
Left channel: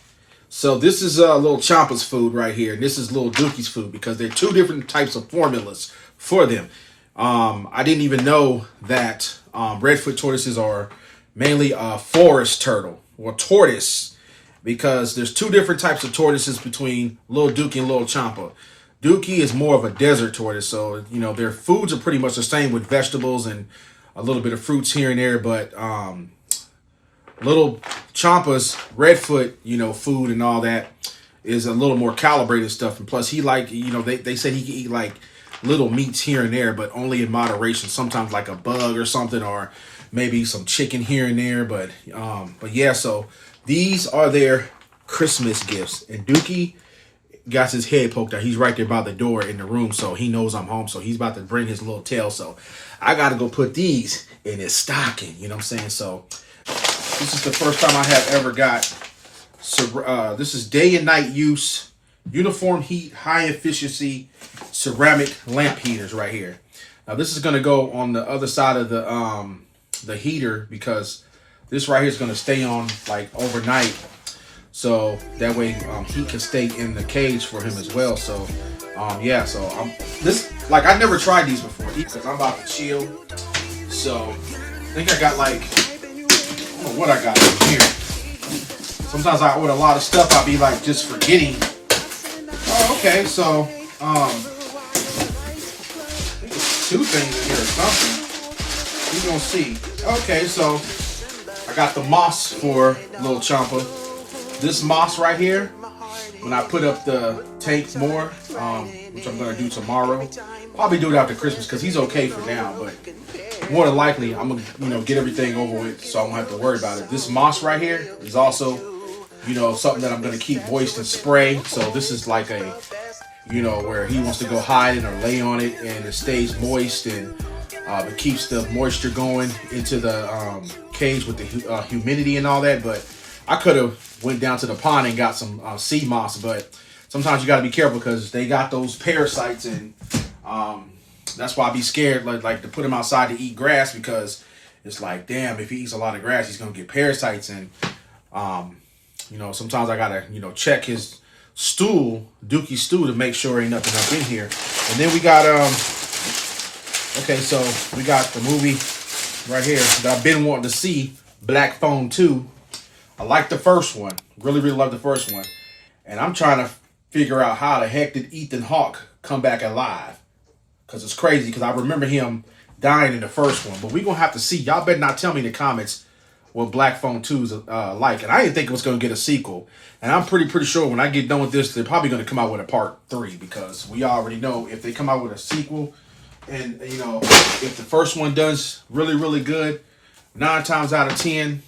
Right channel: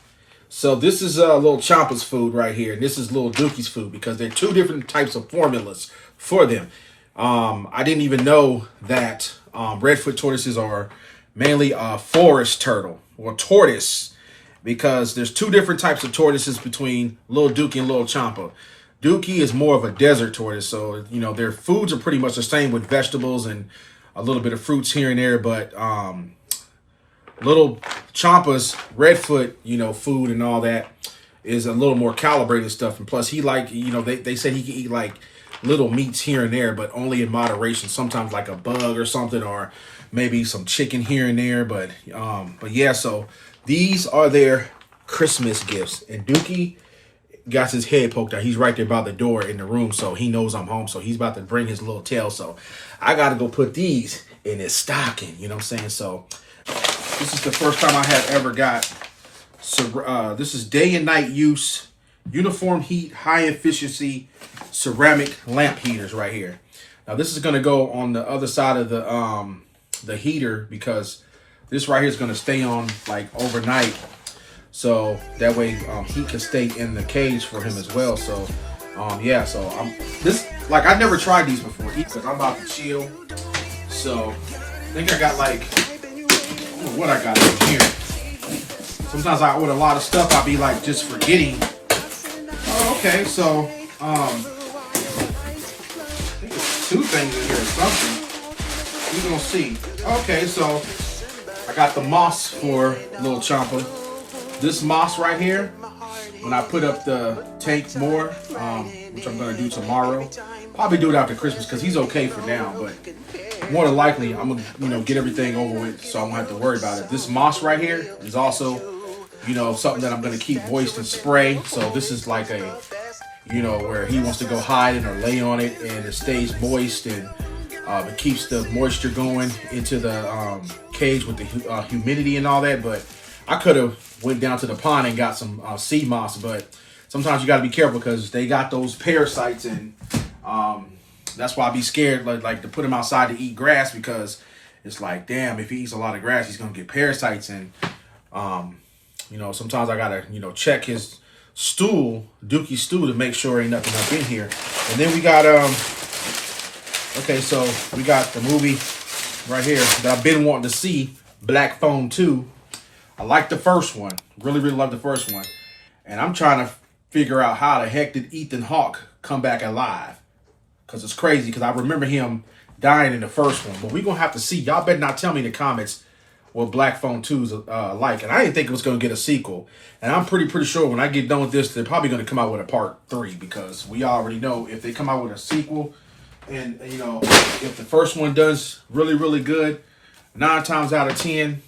So this is little Chompa's food right here, and this is little Dookie's food because they're 2 different types of formulas for them. I didn't even know that redfoot tortoises are mainly a forest turtle or tortoise because there's 2 different types of tortoises between little Dookie and little Chompa. Dookie is more of a desert tortoise, so you know their foods are pretty much the same with vegetables and a little bit of fruits here and there, but little Chompa's redfoot, you know, food and all that is a little more calibrated stuff, and plus he like, you know, they said he can eat like little meats here and there, but only in moderation. Sometimes like a bug or something, or maybe some chicken here and there, but yeah, so these are their Christmas gifts, and Dookie got his head poked out. He's right there by the door in the room, so he knows I'm home, so he's about to bring his little tail, so I gotta go put these in his stocking, you know what I'm saying? So this is the first time I have ever got, so this is day and night use, uniform heat, high efficiency ceramic lamp heaters right here. Now this is gonna go on the other side of the heater because this right here is gonna stay on like overnight. So that way heat can stay in the cage for him as well. So yeah, so I never tried these before because I'm about to chill. So I think I got like, I don't know what I got over here. Sometimes I order a lot of stuff, I'll be like just forgetting. Oh, okay, so I think it's 2 things in here or something. We're gonna see. Okay, so I got the moss for little Chompa. This moss right here, when I put up the tank more, which I'm gonna do tomorrow, probably do it after Christmas because he's okay for now, but more than likely I'm gonna, you know, get everything over with so I won't have to worry about it. This moss right here is also, you know, something that I'm gonna keep moist and spray. So this is like a, you know, where he wants to go hide in or lay on it and it stays moist and it keeps the moisture going into the cage with the humidity and all that. But I could have went down to the pond and got some sea moss, but sometimes you got to be careful because they got those parasites, and that's why I be scared like to put him outside to eat grass because it's like, damn, if he eats a lot of grass, he's gonna get parasites. And you know, sometimes I gotta, you know, check his stool, Dookie's stool, to make sure ain't nothing up in here. And then we got Okay, so we got the movie right here that I've been wanting to see, Black Phone 2. I like the first one. Really, really love the first one. And I'm trying to figure out how the heck did Ethan Hawke come back alive. Because it's crazy, because I remember him dying in the first one. But we're going to have to see. Y'all better not tell me in the comments what Black Phone 2 is like. And I didn't think it was going to get a sequel. And I'm pretty sure when I get done with this, they're probably going to come out with a part 3. Because we already know if they come out with a sequel, and, you know, if the first one does really, really good, 9 times out of 10,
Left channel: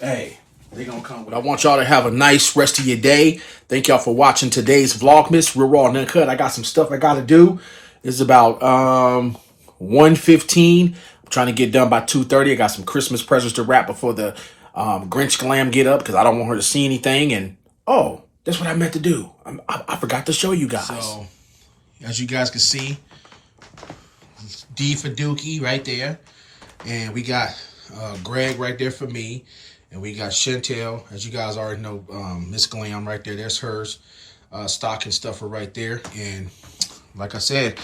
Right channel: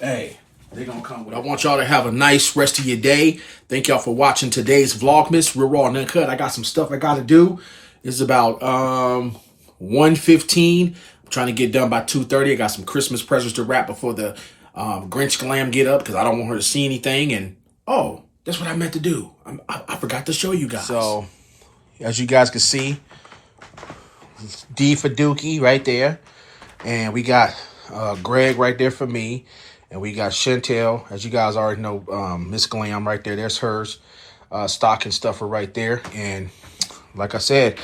hey, they're going to come with it. I want y'all to have a nice rest of your day. Thank y'all for watching today's Vlogmas. We're raw and uncut. I got some stuff I got to do. It's about 1:15. I'm trying to get done by 2:30. I got some Christmas presents to wrap before the Grinch Glam get up because I don't want her to see anything. And, oh, that's what I meant to do. I forgot to show you guys. So, as you guys can see, D for Dookie right there. And we got Greg right there for me. And we got Chantel, as you guys already know, Miss Glam right there. There's hers. Stocking stuffer right there. And like I said,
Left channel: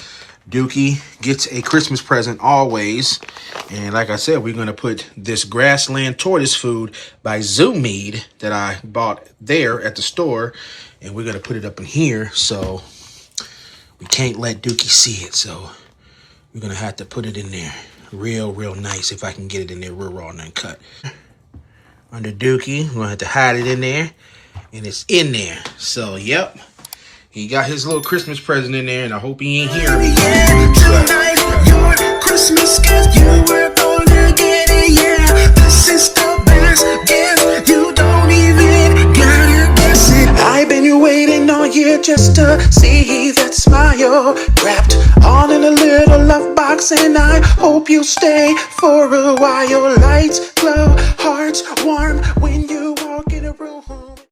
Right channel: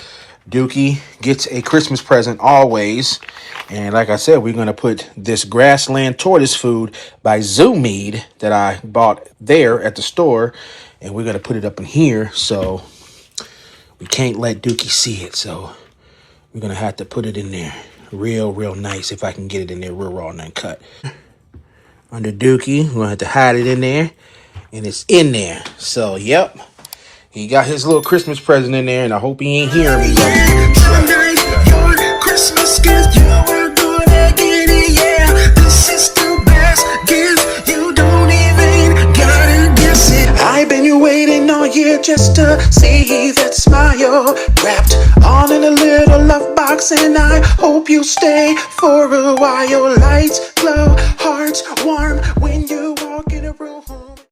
Dookie gets a Christmas present always. And like I said, we're going to put this grassland tortoise food by Zoomead that I bought there at the store. And we're going to put it up in here. So we can't let Dookie see it. So we're going to have to put it in there real nice if I can get it in there real raw and uncut. Under Dookie, we're going to have to hide it in there. And it's in there. So, yep. He got his little Christmas present in there, and I hope he ain't hearing me. Yeah, tonight, your Christmas gift, you were gonna get it, yeah. This is the best gift, you don't even gotta guess it. I've been waiting all year just to see that smile wrapped all in a little love box, and I hope you stay for a while. Lights glow, hearts